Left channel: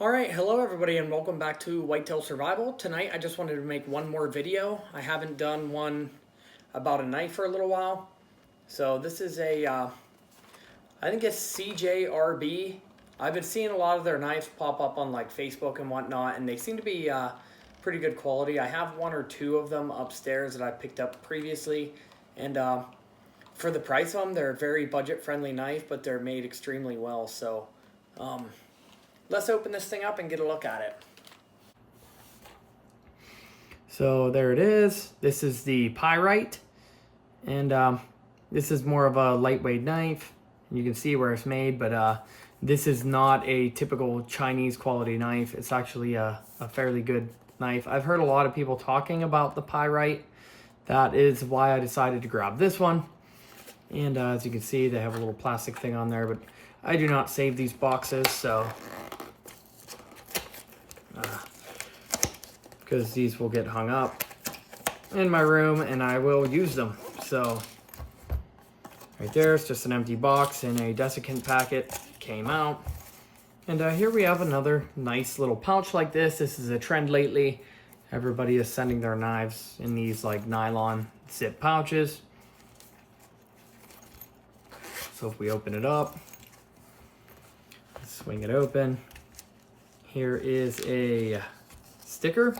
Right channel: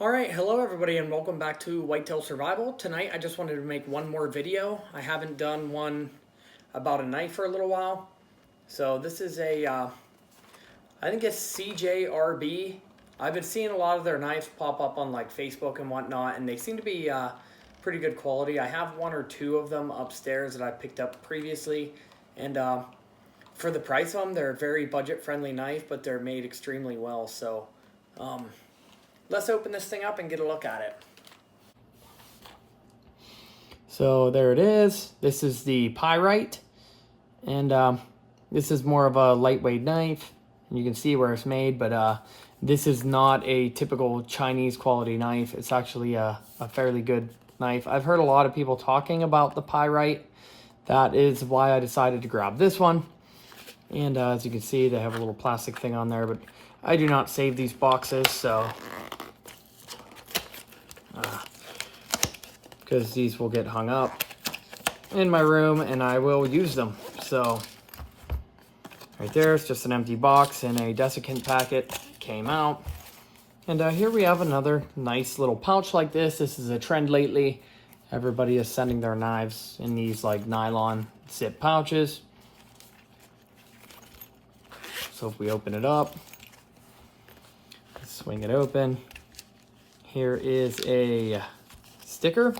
Alright, hello everybody and welcome back to Whitetail Survival. Tonight I just wanted to make one more video. I haven't done one about a knife for a little while. So this is I think it's Cjrb. I've been seeing a lot of their knives pop up on like Facebook and whatnot, and they seem to be pretty good quality. I have one or two of them upstairs that I picked up previously, and for the price of them, they're a very budget friendly knife, but they're made extremely well. So let's open this thing up and get a look at it. So there it is. This is the pyrite, and this is more of a lightweight knife. You can see where it's made, but this is not a typical Chinese quality knife. It's actually a fairly good knife. I've heard a lot of people talking about the pyrite. That is why I decided to grab this one. And as you can see, they have a little plastic thing on there, but I do not save these boxes, so because these will get hung up in my room and I will use them. So right there, it's just an empty box and a desiccant packet came out. And here we have another nice little pouch like this. This is a trend lately. Everybody is sending their knives in these like nylon zip pouches. So if we open it up, swing it open, here is a sticker.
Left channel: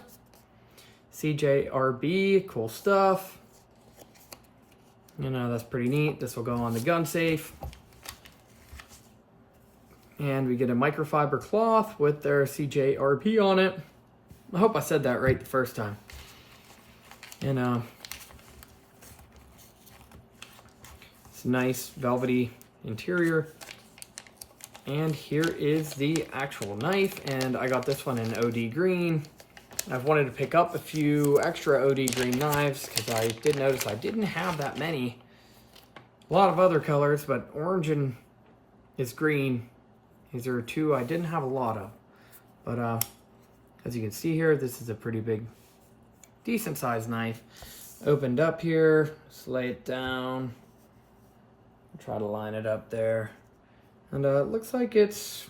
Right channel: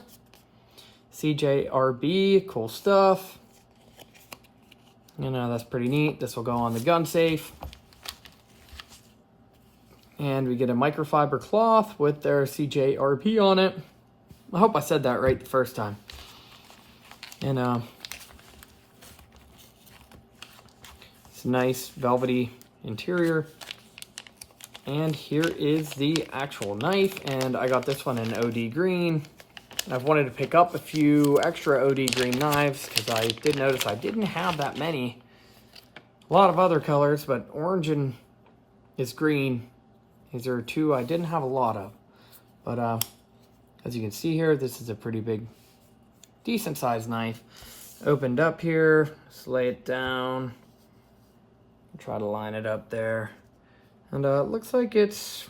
Cjrb, cool stuff. You know, that's pretty neat. This will go on the gun safe. And we get a microfiber cloth with their Cjrb on it. I hope I said that right the first time. And it's a nice velvety interior. And here is the actual knife, and I got this one in OD green. I've wanted to pick up a few extra OD green knives because I did notice I didn't have that many. A lot of other colors, but orange and is green. These are two I didn't have a lot of. But as you can see here, this is a pretty big, decent sized knife. Opened up here, just lay it down. Try to line it up there. And it looks like it's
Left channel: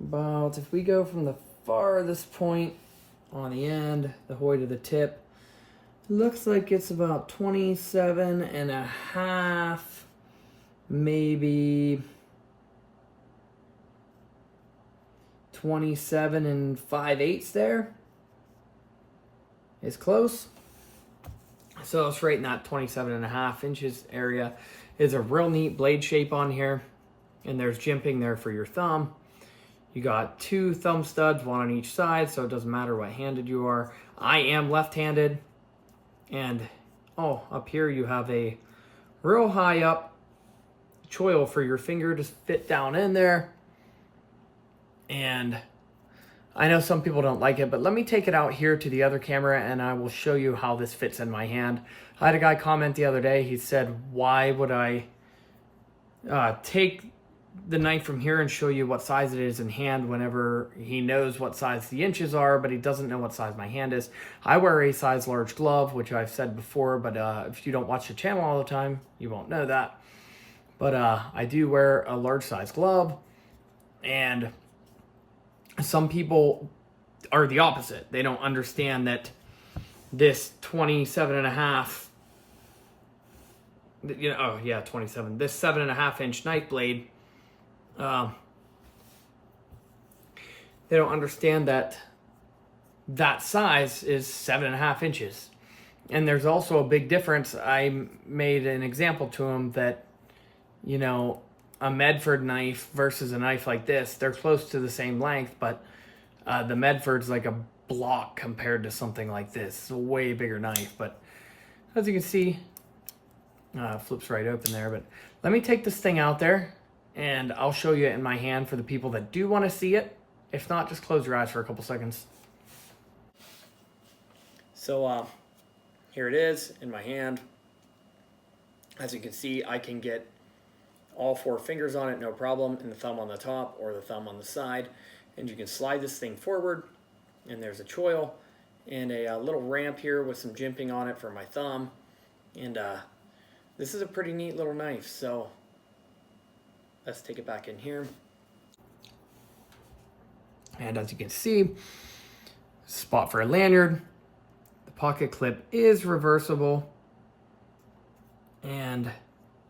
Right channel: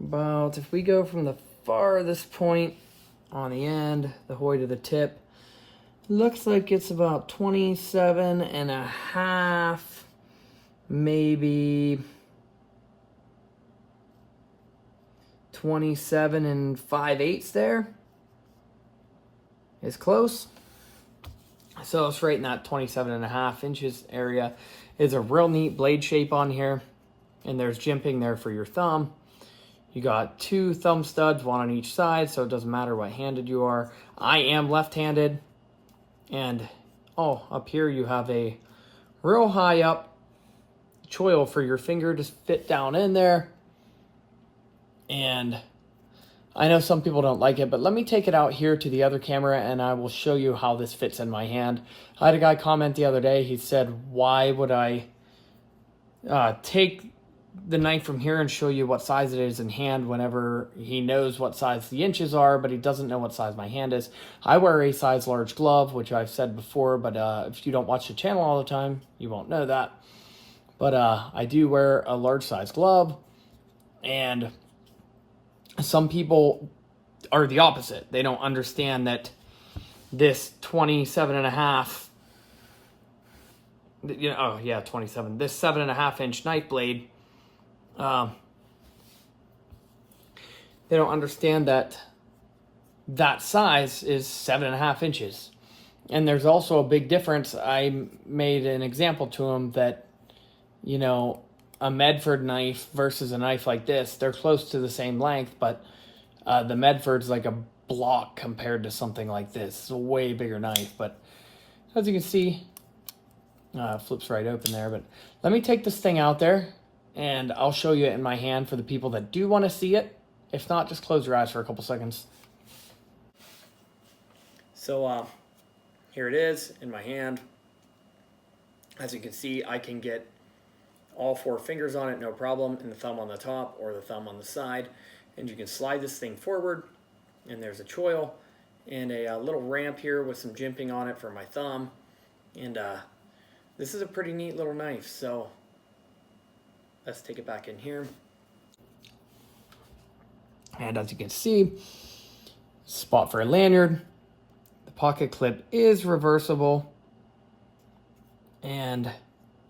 about, if we go from the farthest point on the end, the way to the tip, looks like it's about 27 and a half, maybe 27 and 5/8 there is close. So it's right in that 27 and a half inches area. Is a real neat blade shape on here, and there's jimping there for your thumb. You got two thumb studs, one on each side, so it doesn't matter what handed you are. I am left-handed, and up here you have a real high up choil for your finger to fit down in there. And I know some people don't like it, but let me take it out here to the other camera and I will show you how this fits in my hand. I had a guy comment the other day. He said, why would I take the knife from here and show you what size it is in hand whenever he knows what size the inches are, but he doesn't know what size my hand is. I wear a size large glove, which I've said before, but if you don't watch the channel all the time, you won't know that. But I do wear a large size glove, and some people are the opposite. They don't understand that this 27 and a half, 27, this 7.5 inch knife blade, they don't understand that that size is 7.5 inches. And there's also a big difference. I made an example to him that, you know, a Medford knife versus a knife like this, they're close to the same length, but the Medford's like a block compared to something like this. It's a way bigger knife, but as you can see, it flips right open there. But let me take this thing out there and I'll show you it in my hand for the people that do want to see it. If not, just close your eyes for a couple seconds. So here it is in my hand. As you can see, I can get all 4 fingers on it, no problem, and the thumb on the top or the thumb on the side. And you can slide this thing forward, and there's a choil and a little ramp here with some jimping on it for my thumb. And this is a pretty neat little knife. So let's take it back in here. And as you can see, spot for a lanyard. The pocket clip is reversible. And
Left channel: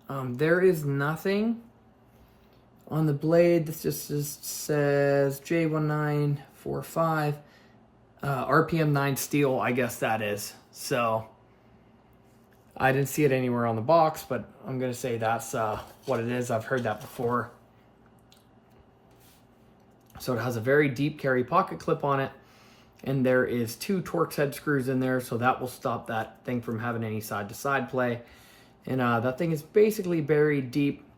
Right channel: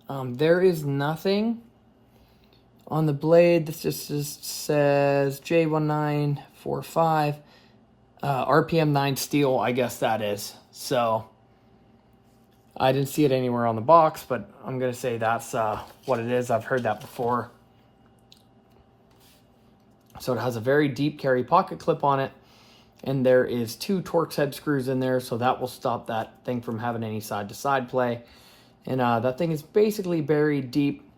there is nothing on the blade. This just says J1945, RPM 9 steel, I guess that is. So I didn't see it anywhere on the box, but I'm gonna say that's what it is. I've heard that before. So it has a very deep carry pocket clip on it, and there is 2 Torx head screws in there, so that will stop that thing from having any side-to-side play. And that thing is basically buried deep.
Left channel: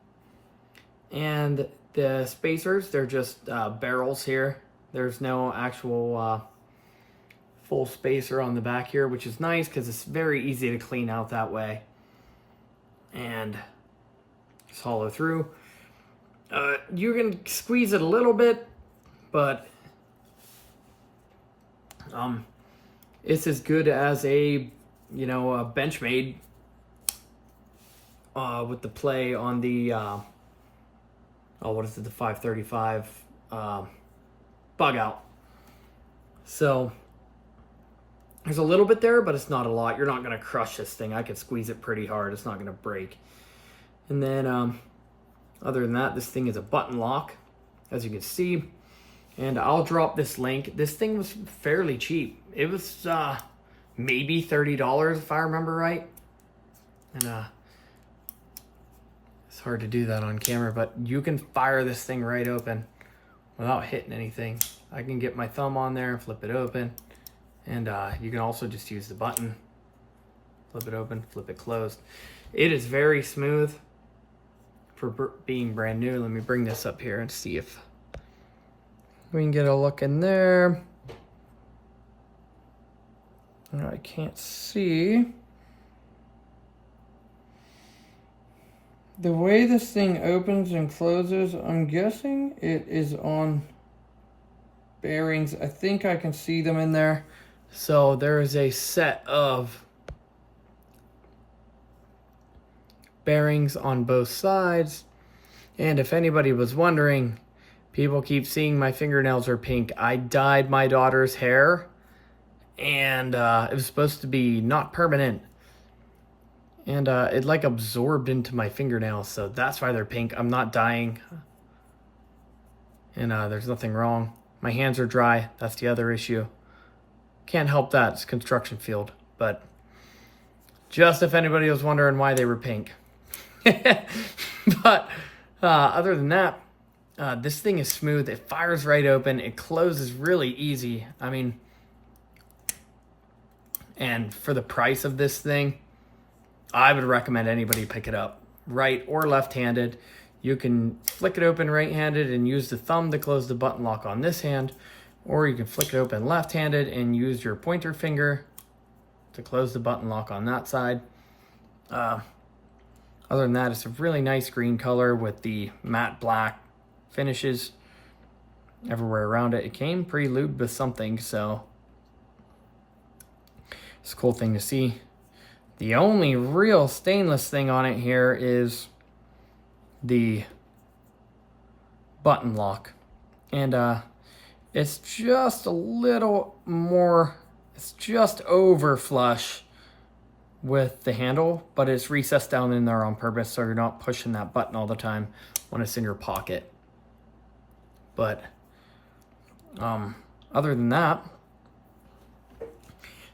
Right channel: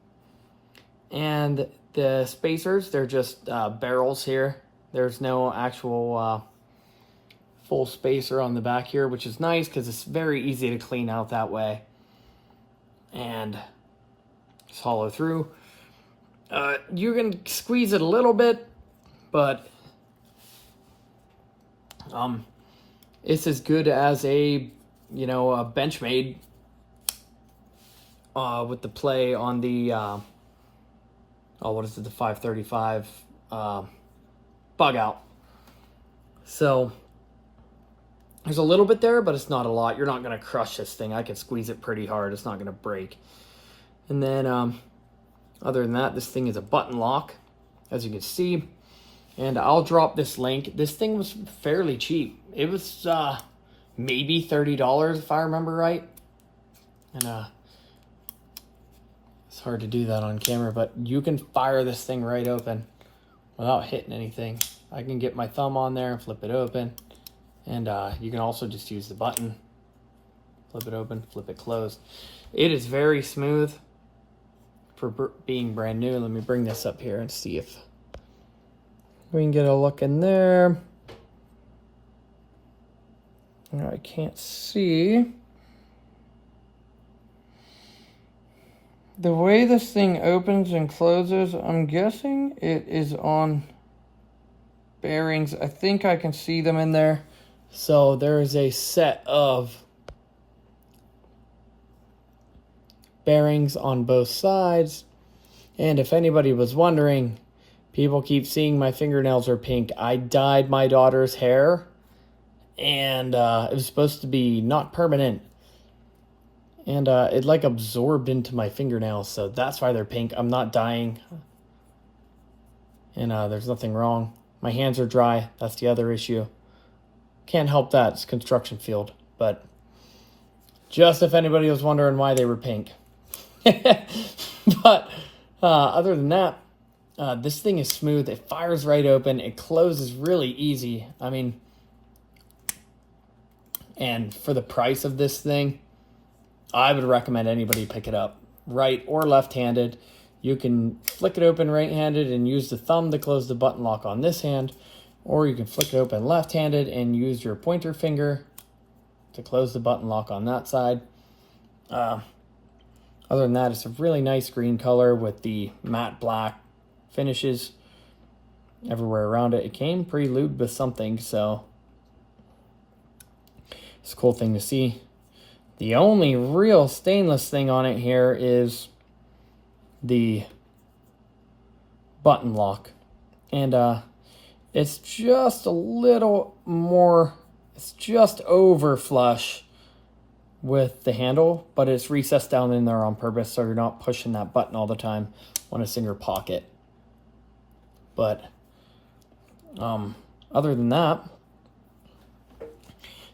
And the spacers, they're just barrels here. There's no actual full spacer on the back here, which is nice because it's very easy to clean out that way. And just hollow through. You can squeeze it a little bit, but it's as good as a, you know, a Benchmade with the play on the what is it, the 535 bug out. So there's a little bit there, but it's not a lot. You're not gonna crush this thing. I can squeeze it pretty hard. It's not gonna break. And then other than that, this thing is a button lock, as you can see. And I'll drop this link. This thing was fairly cheap. It was maybe $30 if I remember right. And it's hard to do that on camera, but you can fire this thing right open without hitting anything. I can get my thumb on there and flip it open. And you can also just use the button. Flip it open, flip it closed. It is very smooth for being brand new. Let me bring this up here and see if we can get a look in there. I can't see. The way this thing opens and closes, I'm guessing it is on bearings. I think I can see them in there. So there is a set of bearings on both sides. And if anybody was wondering, people keep seeing my fingernails are pink. I dyed my daughter's hair, and it was supposed to be not permanent. And it like absorbed into my fingernails, so that's why they're pink. I'm not dyeing. And there's nothing wrong. My hands are dry. That's the other issue. Can't help that. It's a construction field. But just if anybody was wondering why they were pink. But other than that, this thing is smooth. It fires right open. It closes really easy. I mean, and for the price of this thing, I would recommend anybody pick it up, right or left-handed. You can flick it open right-handed and use the thumb to close the button lock on this hand, or you can flick it open left-handed and use your pointer finger to close the button lock on that side. Other than that, it's a really nice green color with the matte black finishes everywhere around it. It came pre-lubed with something, so it's a cool thing to see. The only real stainless thing on it here is the button lock. And it's just a little more, it's just over flush with the handle, but it's recessed down in there on purpose so you're not pushing that button all the time when it's in your pocket. But other than that,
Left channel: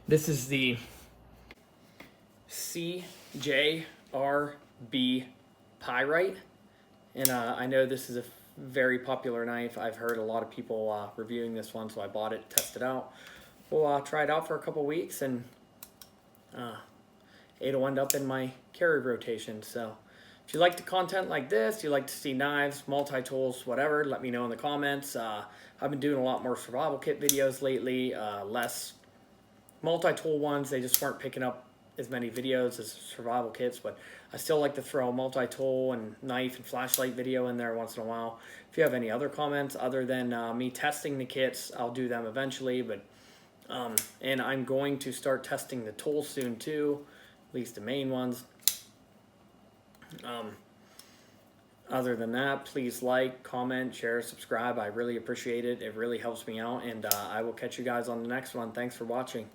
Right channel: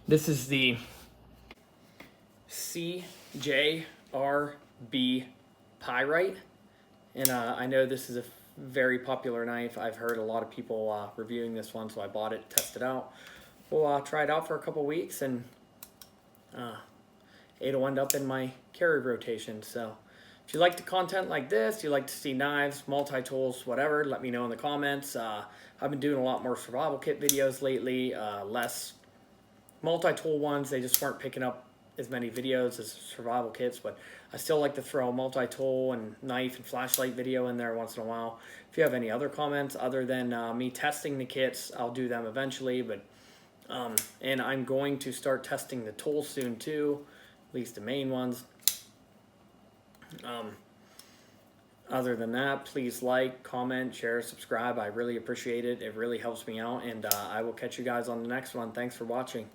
this is the Cjrb pyrite, and I know this is a very popular knife. I've heard a lot of people reviewing this one, so I bought it, tested it out. We'll try it out for a couple weeks, and it'll end up in my Cjrb rotation. So if you like the content like this, you like to see knives, multi-tools, whatever, let me know in the comments. I've been doing a lot more survival kit videos lately, less multi-tool ones. They just weren't picking up as many videos as survival kits, but I still like to throw a multi-tool and knife and flashlight video in there once in a while. If you have any other comments other than me testing the kits, I'll do them eventually. But and I'm going to start testing the tools soon too, at least the main ones. Other than that, please like, comment, share, subscribe. I really appreciate it. It really helps me out, and I will catch you guys on the next one. Thanks for watching.